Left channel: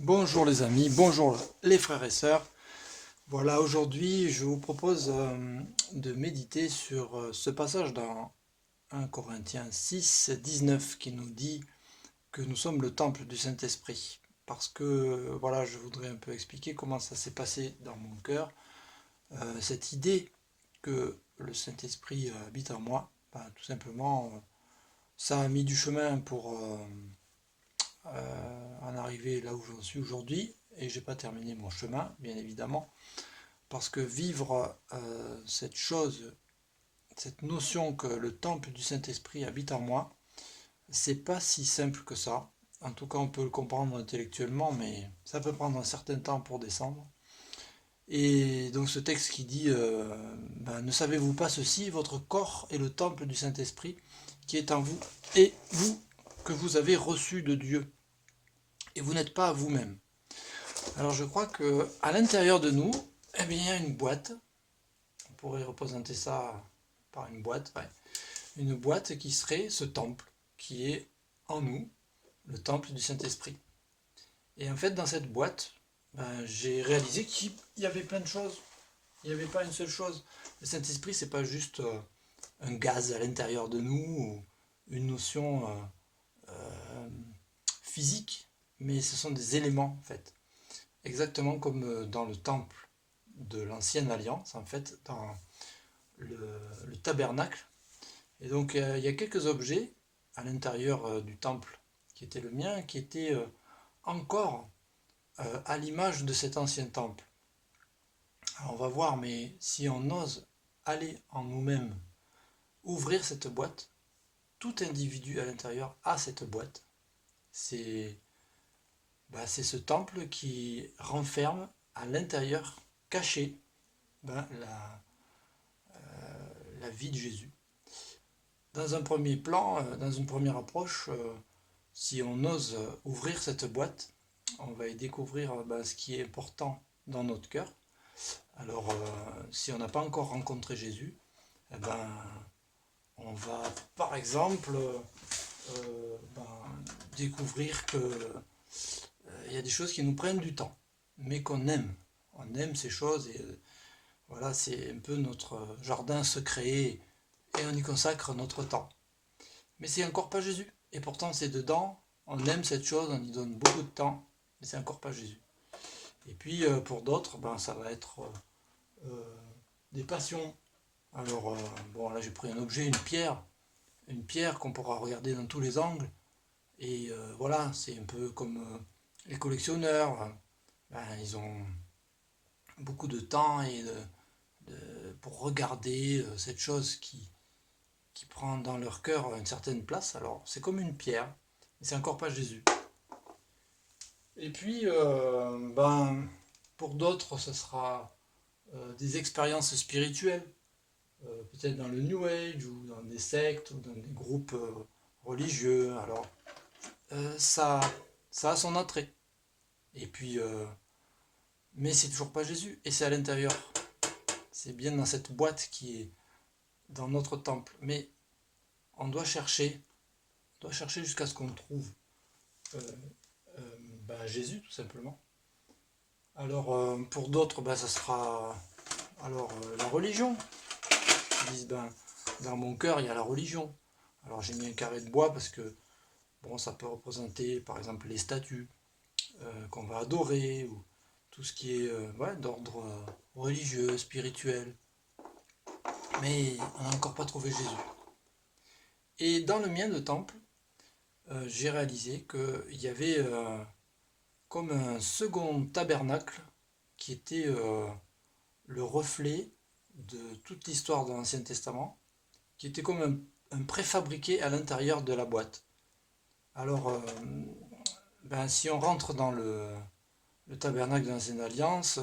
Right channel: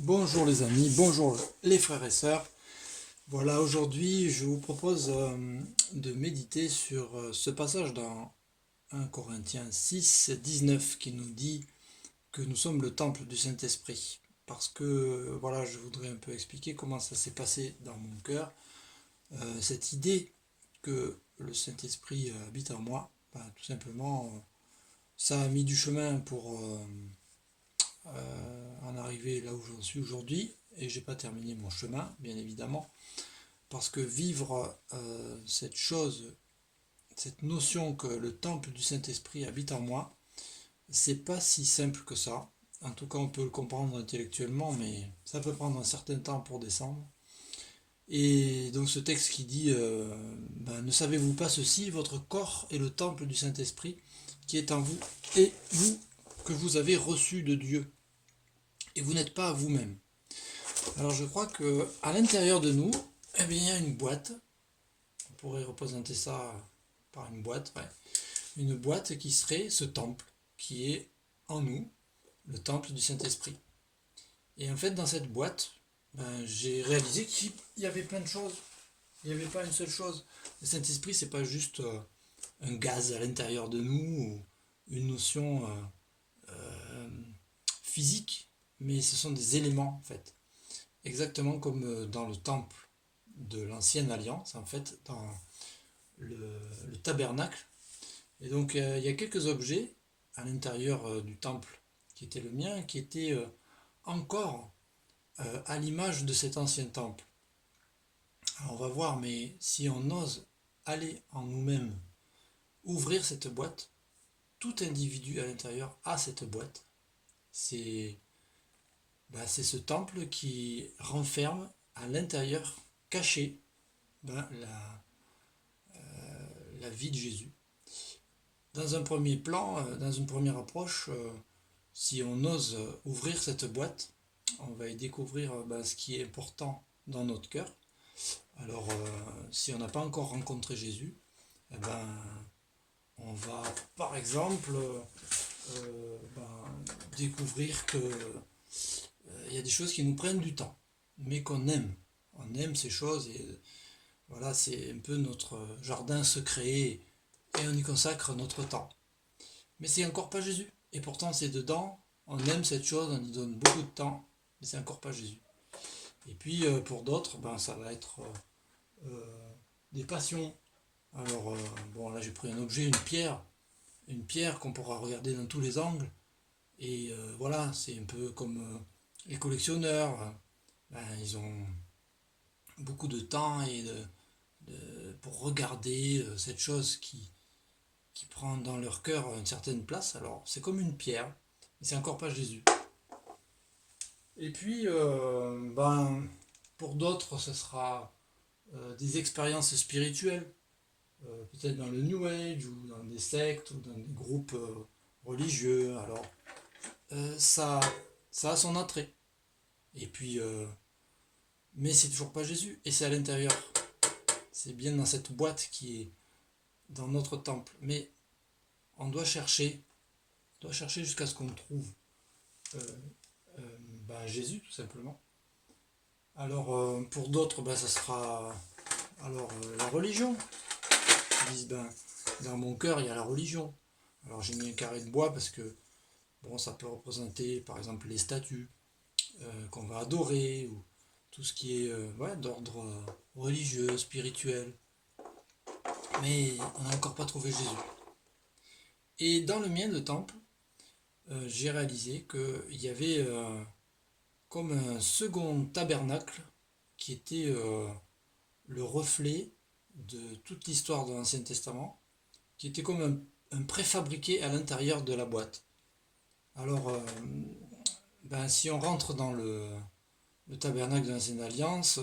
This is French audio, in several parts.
Bonjour les amis, bonjour les frères et sœurs. Voilà, aujourd'hui je vous propose de méditer sur ce passage dans 1 Corinthiens 6, 19 qui nous dit que nous sommes le temple du Saint-Esprit. Parce que voilà, je voudrais un peu expliquer comment ça s'est passé dans mon cœur. Cette idée que le Saint-Esprit habite en moi, tout simplement, ça a mis du chemin pour en arriver là où j'en suis aujourd'hui. Et j'ai pas terminé mon chemin, bien évidemment. Parce que vivre cette chose, cette notion que le temple du Saint-Esprit habite en moi, c'est pas si simple que ça. En tout cas, on peut le comprendre intellectuellement, mais ça peut prendre un certain temps pour descendre. Et donc ce texte qui dit ne savez-vous pas ceci, votre corps est le temple du Saint-Esprit qui est en vous, et vous que vous avez reçu de Dieu. Et vous n'êtes pas à vous-même. Alors je crois que à l'intérieur de nous, eh bien, il y a une boîte. On pourrait représenter ça par une boîte, ouais. Une boîte qui serait ce temple qui est en nous, le temple du Saint-Esprit. Et en fait, dans cette boîte, j'ai réalisé qu'il y avait plein de choses. Il n'y avait pas une seule chose. Le Saint-Esprit, c'est pas juste un gaz à l'intérieur de nous ou une notion physique, mais ce sont des éléments en fait. Exactement comme dans le temple de l'ancienne alliance, en fait, dans le tabernacle. Et donc il y a quelques objets à l'intérieur du temple qui était le mien, qui étaient encore à l'image de cet ancien temple. Alors on va voir, mais si on ose aller en nous-mêmes, ouvrir cette boîte, tout individu à l'intérieur a cette boîte. C'est c'est ce temple qui renferme à l'intérieur, caché, la vie de Jésus. Dans un premier plan, dans une première approche, si on ose ouvrir cette boîte, on va y découvrir ce qui est important dans notre cœur. Alors, si on n'a pas encore rencontré Jésus, eh ben, on va par exemple découvrir que il y a des choses qui nous prennent du temps, mais qu'on aime. On aime ces choses et voilà, c'est un peu notre jardin secret et on y consacre notre temps. Mais c'est encore pas Jésus. Et pourtant, c'est dedans, on aime cette chose, on y donne beaucoup de temps, mais c'est encore pas Jésus. Et puis, pour d'autres, ça va être des passions. Alors, là, j'ai pris un objet, une pierre qu'on pourra regarder dans tous les angles. Et voilà, c'est un peu comme les collectionneurs. Ils ont beaucoup de temps pour regarder cette chose qui prend dans leur cœur une certaine place. Alors, c'est comme une pierre, mais c'est encore pas Jésus. Et puis, pour d'autres, ce sera des expériences spirituelles, peut-être dans le New Age ou dans des sectes ou dans des groupes religieux. Alors, ça, ça a son attrait. Et puis, mais c'est toujours pas Jésus. Et c'est à l'intérieur. C'est bien dans cette boîte qui est dans notre temple. Mais on doit chercher jusqu'à ce qu'on trouve euh, Jésus, tout simplement. Alors, pour d'autres, ça sera la religion. Ils disent, dans mon cœur, il y a la religion. Alors, j'ai mis un carré de bois parce que, ça peut représenter, par exemple, les statues qu'on va adorer, ou tout ce qui est d'ordre religieux, spirituel. Mais on n'a encore pas trouvé Jésus. Et dans le mien de temple, j'ai réalisé qu'il y avait comme un second tabernacle qui était le reflet de toute l'histoire de l'Ancien Testament, qui était comme un préfabriqué à l'intérieur de la boîte. Alors, si on rentre dans le tabernacle de l'Ancienne Alliance,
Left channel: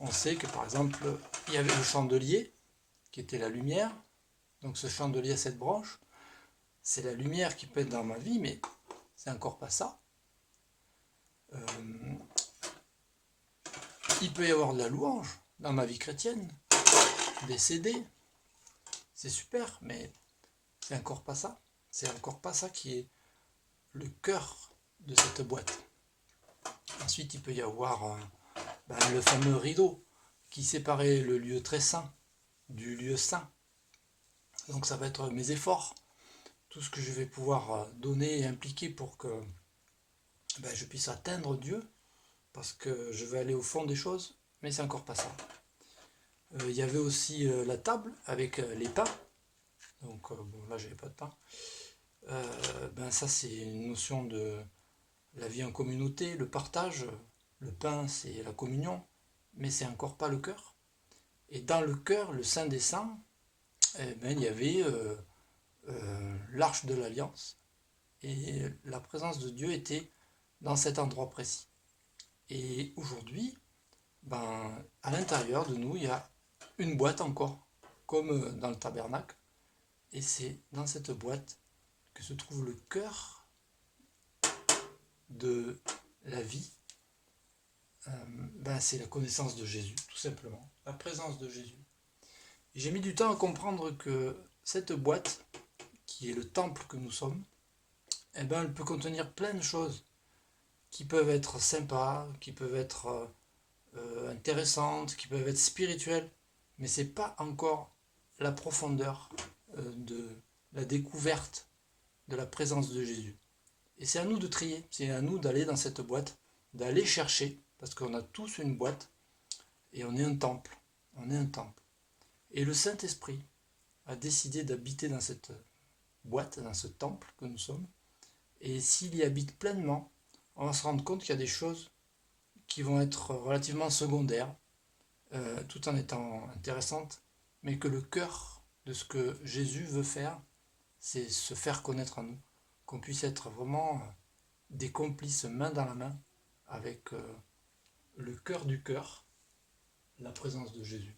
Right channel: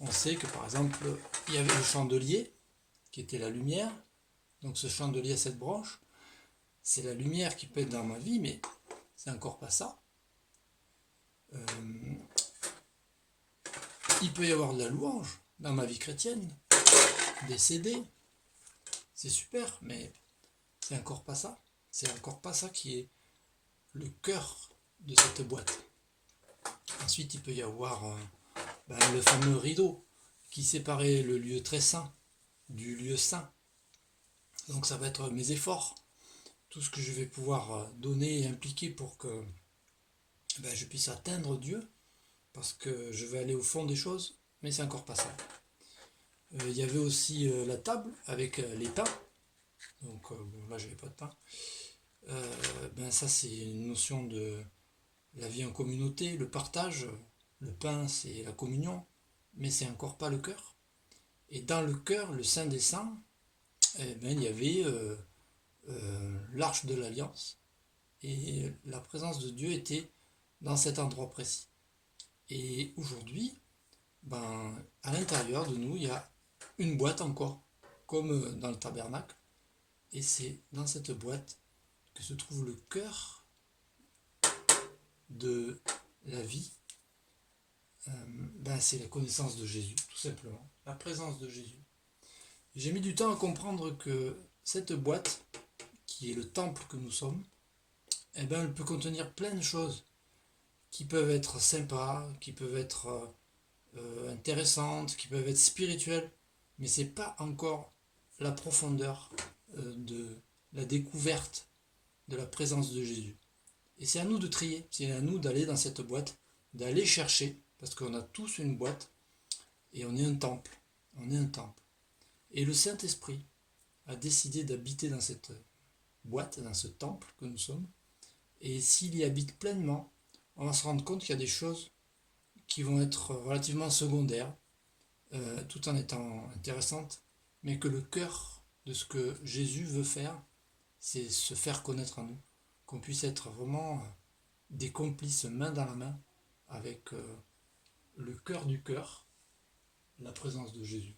on sait que par exemple, il y avait le chandelier, qui était la lumière. Donc ce chandelier à cette branche, c'est la lumière qui peut être dans ma vie, mais c'est encore pas ça. Il peut y avoir de la louange dans ma vie chrétienne, des CD, c'est super, mais c'est encore pas ça. C'est encore pas ça qui est le cœur de cette boîte. Ensuite, il peut y avoir le fameux rideau qui séparait le lieu très saint du lieu saint. Donc ça va être mes efforts, tout ce que je vais pouvoir donner et impliquer pour que je puisse atteindre Dieu, parce que je vais aller au fond des choses, mais c'est encore pas ça. Il y avait aussi la table avec les pains, donc là j'avais pas de pain. Ça c'est une notion de la vie en communauté, le partage. Le pain c'est la communion, mais c'est encore pas le cœur. Et dans le cœur, le Saint des Saints, il y avait l'arche de l'Alliance, et la présence de Dieu était dans cet endroit précis. Et aujourd'hui, à l'intérieur de nous, il y a une boîte encore, comme dans le tabernacle, et c'est dans cette boîte que se trouve le cœur de la vie. C'est la connaissance de Jésus, tout simplement, la présence de Jésus. Et j'ai mis du temps à comprendre que cette boîte, qui est le temple que nous sommes, elle peut contenir plein de choses qui peuvent être sympas, qui peuvent être intéressantes, qui peuvent être spirituelles, mais c'est pas encore la profondeur de la découverte de la présence de Jésus. Et c'est à nous de trier, c'est à nous d'aller dans cette boîte, d'aller chercher, parce qu'on a tous une boîte, et on est un temple. On est un temple. Et le Saint-Esprit a décidé d'habiter dans cette boîte, dans ce temple que nous sommes. Et s'il y habite pleinement, on va se rendre compte qu'il y a des choses qui vont être relativement secondaires, tout en étant intéressantes, mais que le cœur de ce que Jésus veut faire, c'est se faire connaître à nous, qu'on puisse être vraiment des complices main dans la main avec le cœur du cœur, la présence de Jésus.